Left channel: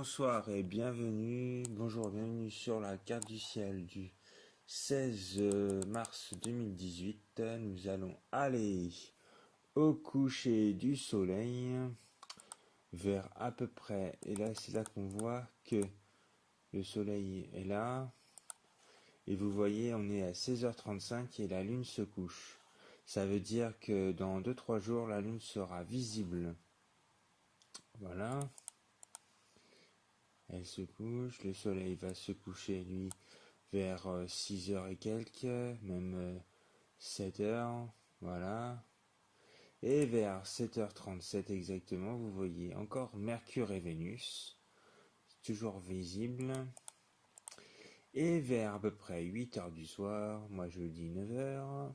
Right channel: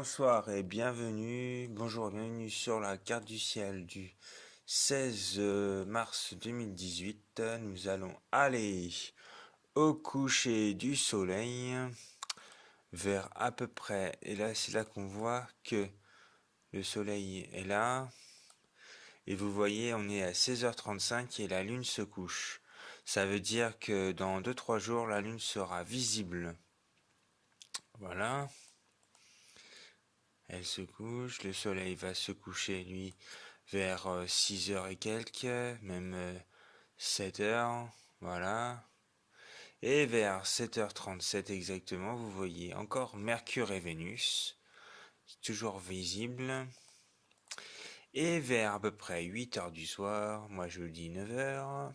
Bonsoir et bienvenue, bonjour et bienvenue sur la carte du ciel du 16 mars 2018. Nous allons aller au coucher du soleil vers à peu près, et là c'est là qu'on voit que le soleil est là, et vous voyez on est à 16h35 et la lune se couche. Ça veut dire que dans 2-3 jours la lune sera visible. Voilà. Elle se couche, le soleil va se coucher lui vers 6 heures et quelques, même 7 heures, voilà. Et vers 7h37 exactement, vous voyez encore Mercure et Vénus, toujours visibles. Et vers à peu près 8 heures du soir, moi je vous dis 9 heures,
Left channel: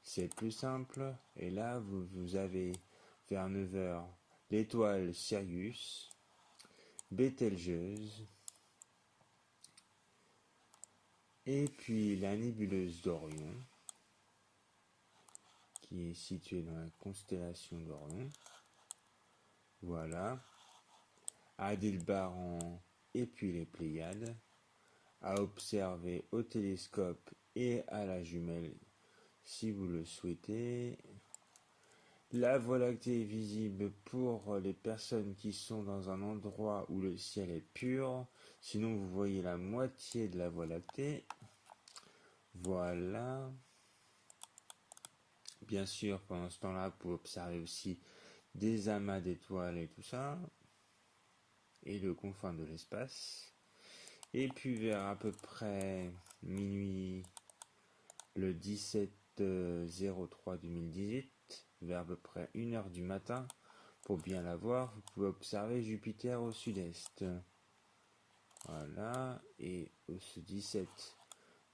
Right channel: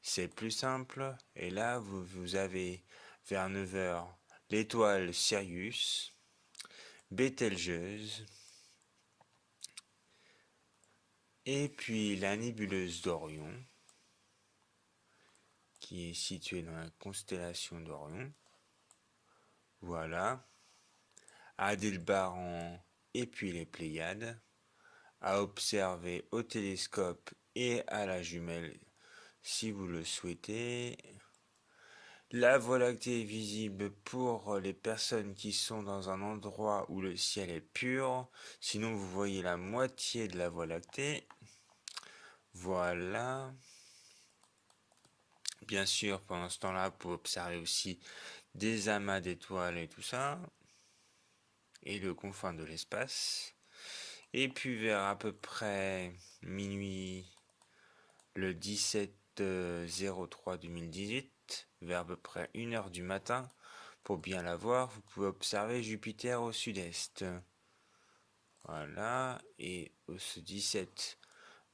c'est plus simple. Et là, vous avez vers 9 heures l'étoile Sirius, Bételgeuse, et puis la nébuleuse d'Orion, qui est située dans la constellation d'Orion. Voilà. Aldébaran et puis les Pléiades, à observer au télescope et à la jumelle si vous le souhaitez. La Voie lactée est visible pour les personnes qui sont dans un endroit où le ciel est pur. Sinon, vous voyez la moitié de la Voie lactée. Voilà. Bien sûr, pendant ce temps-là, vous pouvez observer aussi des amas d'étoiles et tout ça. Et le confin de l'espace. Et puis vers à peu près minuit le 17/03/2018, vers à peu près 1h du matin, pour bien la voir, vous pouvez observer Jupiter au sud-est. Voilà, et au 17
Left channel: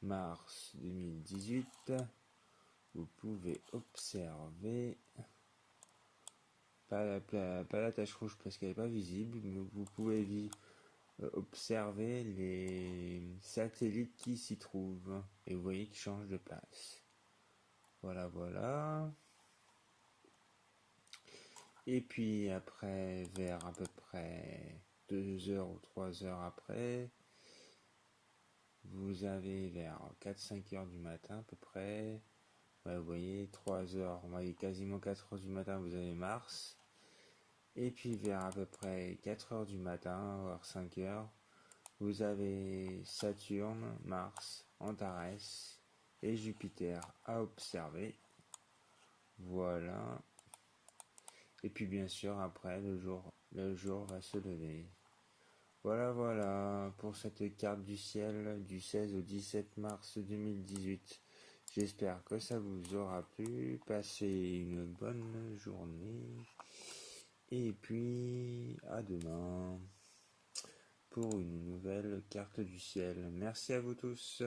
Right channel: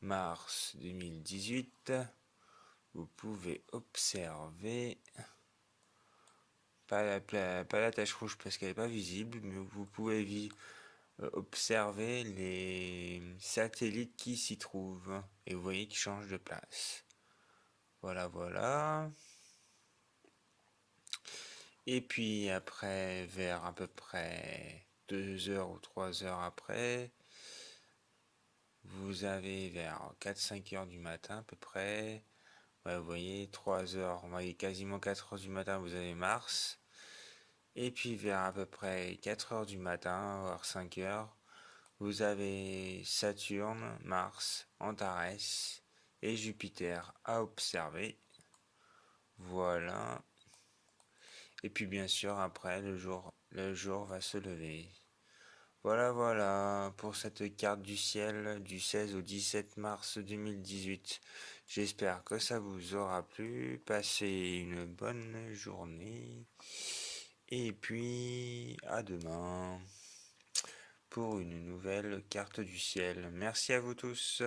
mars 2018, vous pouvez observer, pas la tache rouge parce qu'elle n'est pas visible, mais vous pouvez observer les satellites qui s'y trouvent, et vous voyez qu'ils changent de place. Voilà. Et puis après, vers à peu près 2 heures ou 3 heures après, vous avez vers 4-5 heures du matin à peu près, vous voyez 3 heures, vous voyez quasiment 4 heures du matin, vous avez Mars. Et puis vers à peu près 4 heures du matin, voire 5 heures, vous avez Saturne, Mars, Antares et Jupiter à observer. Voilà. Et puis bien sûr après le jour va se lever. Voilà pour cette carte du ciel du 16 au 17 mars 2018. J'espère que ça vous aura plu. Passez une bonne journée. Et puis à demain pour une nouvelle carte du ciel. Merci à vous tous.